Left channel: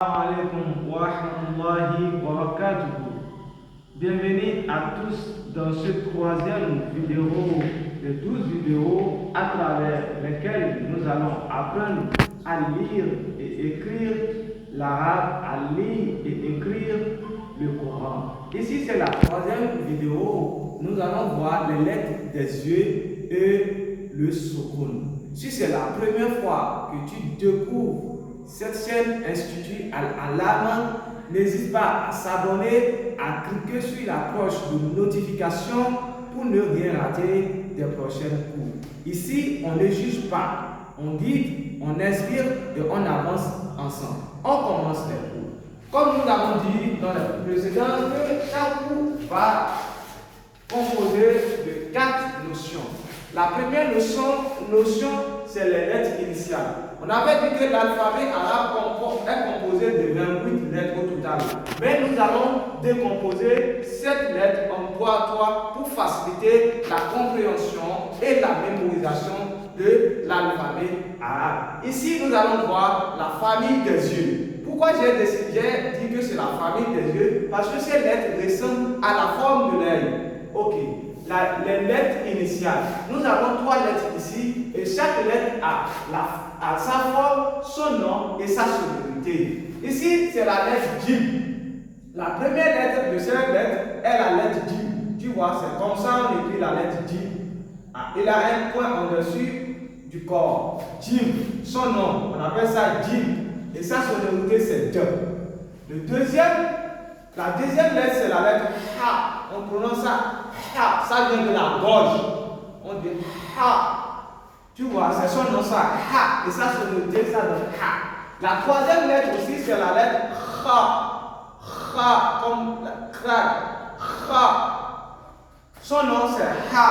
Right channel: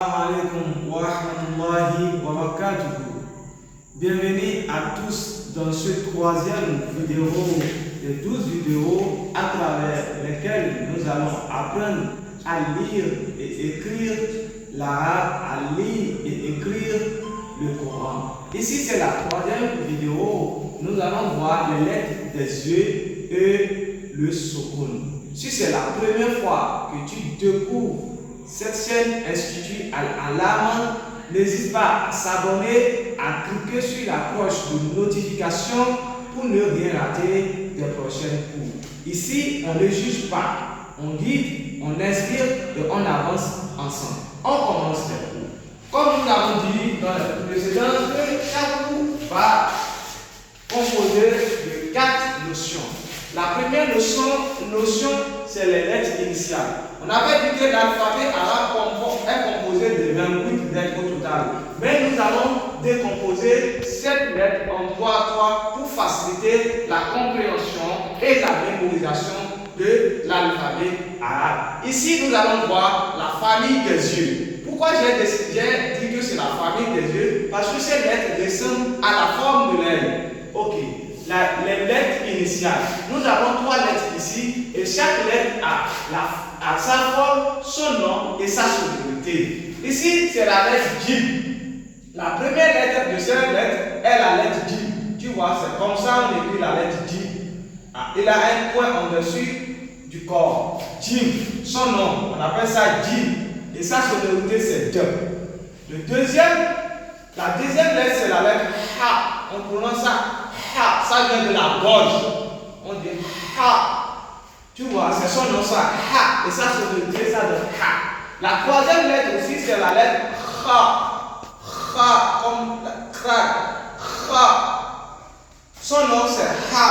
Assalamu alaikum wa rahmatullahi wa barakatuh. Bienvenue à tous dans ce troisième vidéo de 12 vidéos à travers lesquelles nous allons apprendre à lire et écrire l'arabe, à lire et écrire le Coran. Ici c'est la troisième vidéo, nous allons voir les lettres des yeux et le soukoun. Si c'est la première fois que tu découvres cette chaîne Institut Al-Alam, n'hésite pas à s'abonner, à cliquer sur la cloche de notification pour ne rien rater des prochains cours. Ici, on ne juge pas, on guide, on inspire et on avance ensemble. On commence les cours. Comme nous l'avons dit dans les précédents, chaque cours va composer de 4 notions. La première notion, c'est les lettres initiales. On avait dit que l'alphabet arabe est composé de 28 lettres au total. Mais nous allons décomposer cette lettre en 3 pour faciliter la compréhension et la mémorisation de l'alphabet arabe. Ici, nous allons voir la famille des yeux. Pourquoi j'ai dit que c'est la famille des yeux? Parce que ces lettres ressemblent à la forme de l'œil. Ok. Les lettres initiales. Nous avons 3 lettres ici et chaque lettre a sa forme, son nom et sa sonorité. Ici, c'est la lettre Jim. La première lettre de cette lettre est la lettre Jim. Tu vois, c'est comme ça on écrit la lettre Jim. Il a un point en dessus du corps. Jim, son nom, on appelle ça Jim. Et sa sonorité, c'est J. La deuxième lettre, c'est la lettre Ha. On prononce ça Ha. Ça vient de la gorge. On dit Ha. Tu vois, c'est son nom, ça, Ha, et ça, c'est ça donne Ha. La troisième lettre aussi, c'est la lettre Kha. Kha, comme la craque. Kha. Son nom, c'est Ha,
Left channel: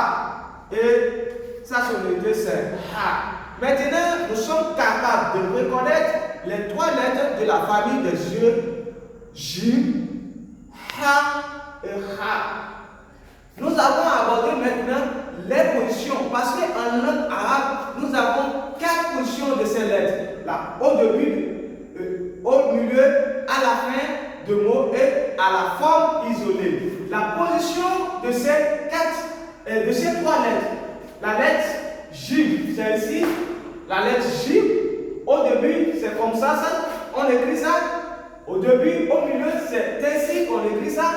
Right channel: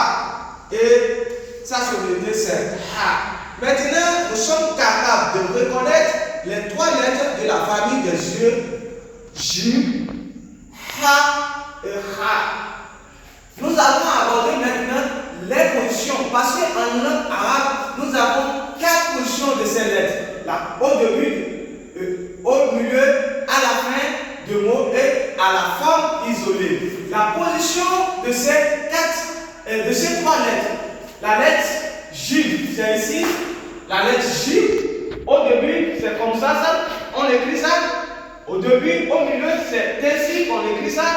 et sa sonorité, c'est Ha. Maintenant, nous sommes capables de reconnaître les 3 lettres de la famille des yeux, Jim, Ha et Ha. Nous allons aborder maintenant les positions, parce qu'en langue arabe, nous avons 4 positions de ces lettres. Au début, au milieu, à la fin de mots et à la forme isolée. La position de ces 3 lettres, la lettre J, c'est ici, la lettre J, au début, c'est comme ça, on écrit ça. Au début, au milieu, c'est ainsi qu'on écrit ça.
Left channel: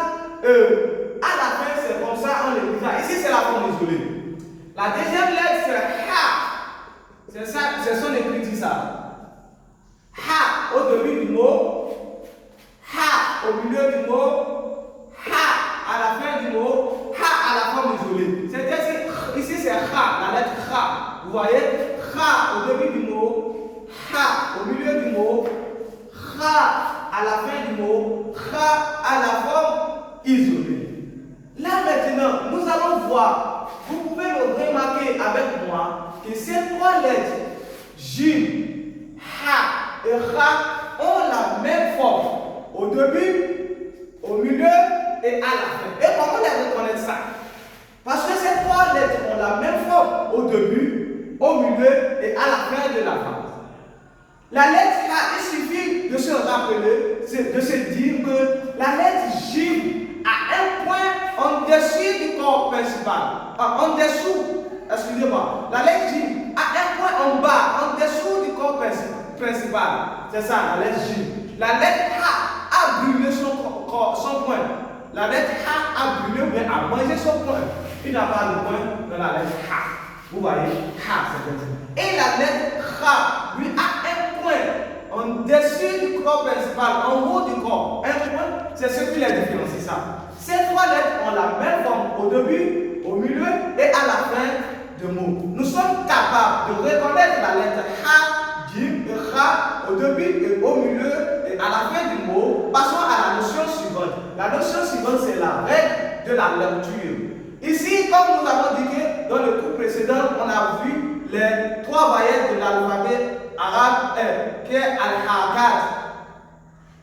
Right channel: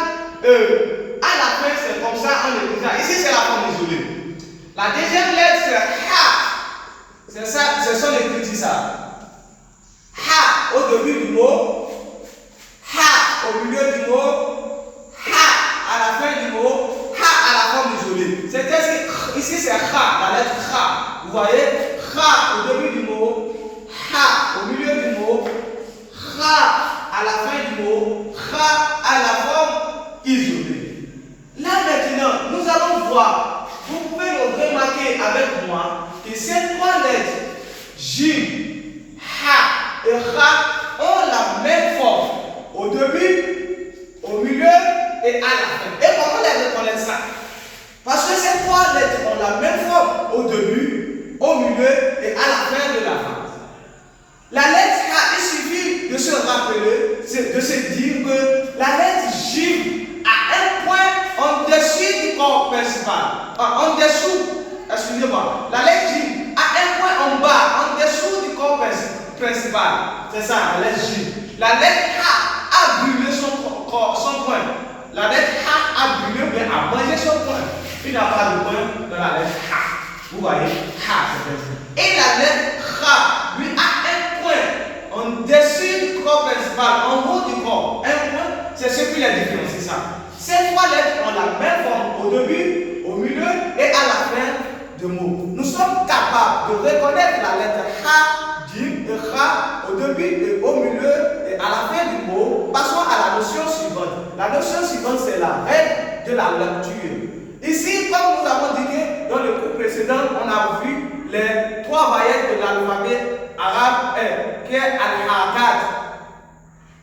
À la fin, c'est comme ça, on écrit ça. Ici, c'est la forme isolée. La deuxième lettre, c'est Ha. C'est ça, c'est son écriture, ça. Ha au début du mot, Ha au milieu du mot, Ha à la fin du mot, Ha à la forme isolée. C'est ici, c'est Ha, la lettre Ha. Vous voyez, Ha au début du mot, Ha au milieu du mot, Ha à la fin du mot, Ha à la forme isolée. Là maintenant, nous allons voir, vous pouvez le remarquer avec moi, que ces 3 lettres, J, Ha et Kha, ont la même forme au début, au milieu et à la fin. Et comment les reconnaître ça? Parce que ces 3 lettres ont la même forme au début, au milieu et à la fin de la phrase. La lettre K, il suffit de se rappeler, de se dire que la lettre J a un point en dessous du corps principal. En dessous, excusez-moi, la lettre J a un point en bas, en dessous du corps principal. C'est ça, la lettre J. La lettre H a brûlé son point. La lettre H a brûlé, mais a mangé son point. Il n'a pas de point dans la lettre H. Vous voyez, H, c'est ainsi. Et la lettre H, lui, a un point en dessus du corps principal, en haut du corps. Un point, c'est ce qui les différencie ça. Ces 3 lettres ont la même forme au début, au milieu et à la fin de mots. Nous sommes capables de reconnaître la lettre H, Jim et Kha au début et au milieu et à la fin du mot. Passons à la notion suivante. La notion suivante, c'est la règle de la lecture. Ici, comme nous avons dit que dans le cours précédent, on a vu les 3 voyelles de l'alphabet arabe qui est Al-Harakat.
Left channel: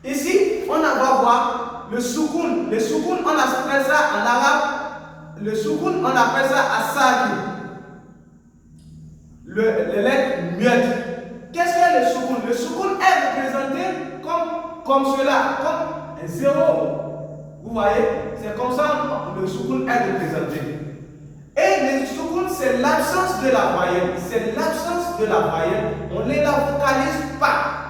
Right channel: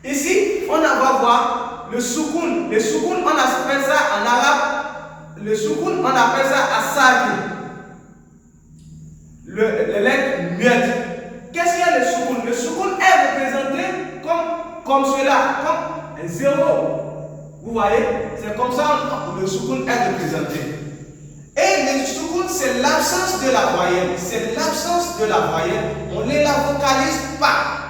Ici, on va voir le soukoun. Le soukoun, on appelle ça en arabe, le soukoun, on appelle ça asagi. Les lettres muettes. Qu'est-ce qu'il y a le soukoun? Le soukoun est représenté comme comme cela, comme un zéro. Vous voyez, c'est comme ça que le soukoun est représenté. Et le soukoun, c'est l'absence de la voyelle. C'est l'absence de la voyelle. On ne la vocalise pas.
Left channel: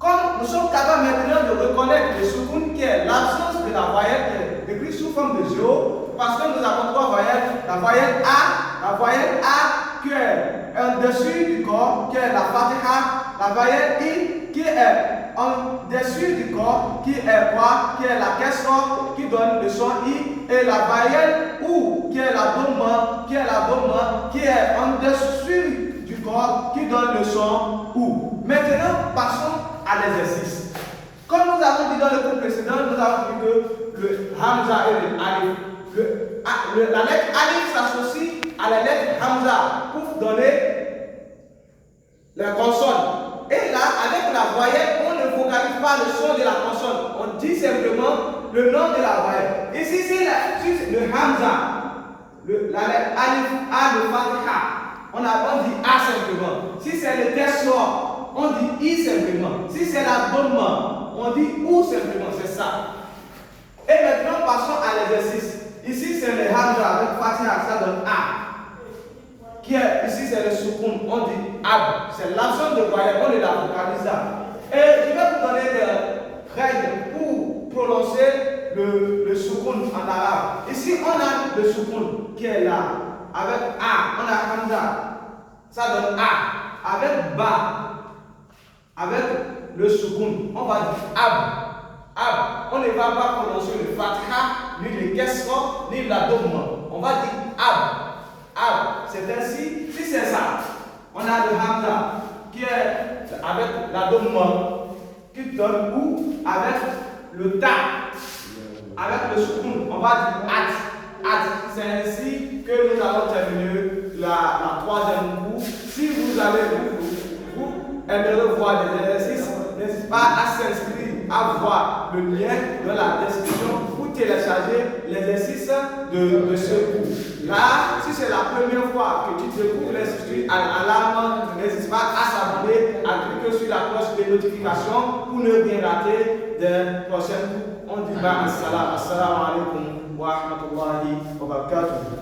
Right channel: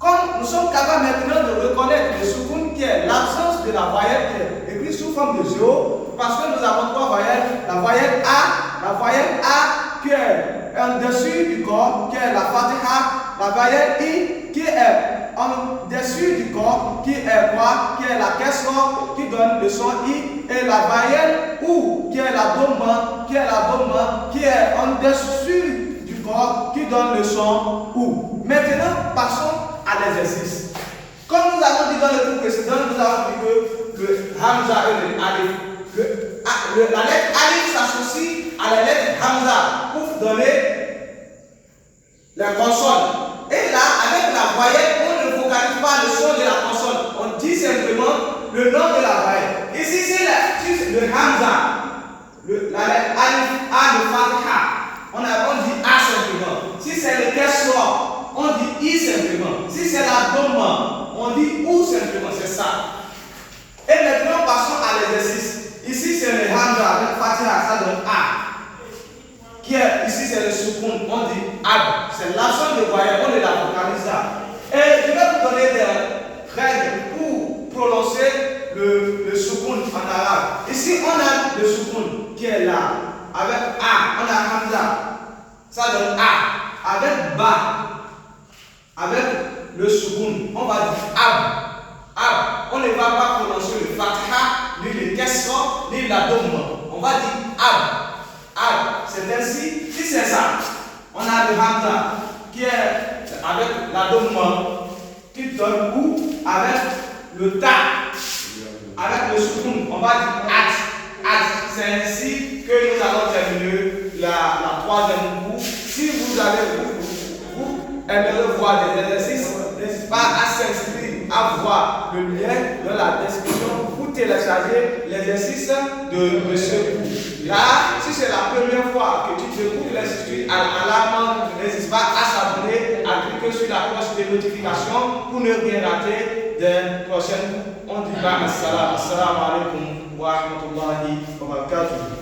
Comme nous sommes capables maintenant de reconnaître le soukoun qui est l'absence de la voyelle qui est écrite sous forme de zéro, parce que nous avons trois voyelles. La voyelle A qui est en dessus du corps, qui est la fatiha. La voyelle I qui est en dessus du corps, qui est quoi? Qui est la kesra, qui donne le son I, et la voyelle OU, qui est la doma, qui est en dessus du corps, qui donne le son OU. Maintenant, passons à l'exercice. Comme nous avons dit dans le cours précédent, nous avons dit que le Hamza et le Alif, la lettre Alif s'associe à la lettre Hamza pour donner la consonne. Et là, avec la voyelle, on ne vocalise pas le son de la consonne. On dit simplement le nom de la voyelle. Ici, c'est le Hamza, la lettre Alif, A de Fatiha. On dit A simplement. Si c'est le Kesra, on dit I simplement. Si c'est la Doma, on dit OU simplement. C'est ça. Et maintenant, passons à l'exercice. Ici, c'est le Hamza avec Fatiha, ça donne A. Ici, c'est le soukoun, on dit Ab. C'est l'absence de voyelle, on ne la vocalise pas. Et je vais vous donner des règles pour prononcer le soukoun en arabe. Ici, on a le soukoun qui est là. Avec A, on a Hamza. Ça donne A. Avec Ba, avec le soukoun, on va dire Ab. On ne va pas prononcer le Fatiha, ni le Kesra, ni la Doma. On va dire Ab. C'est ainsi, si c'est ça, on a le Hamza qui est avec la Doma qui donne OU avec le Ta, avec le soukoun, on va dire Ad. C'est ainsi que nous allons terminer la troisième cours. Si vous aimeriez voir des exercices, n'hésitez pas à s'inscrire, à voir le lien dans la description pour télécharger l'exercice de ce cours. Là, si c'est la première fois que tu découvres l'Institut Al-Alam, n'hésite pas à s'abonner, à cliquer sur la cloche de notification pour ne rien rater des prochaines cours. On dit assalamu alaikum wa rahmatullahi wa barakatuh.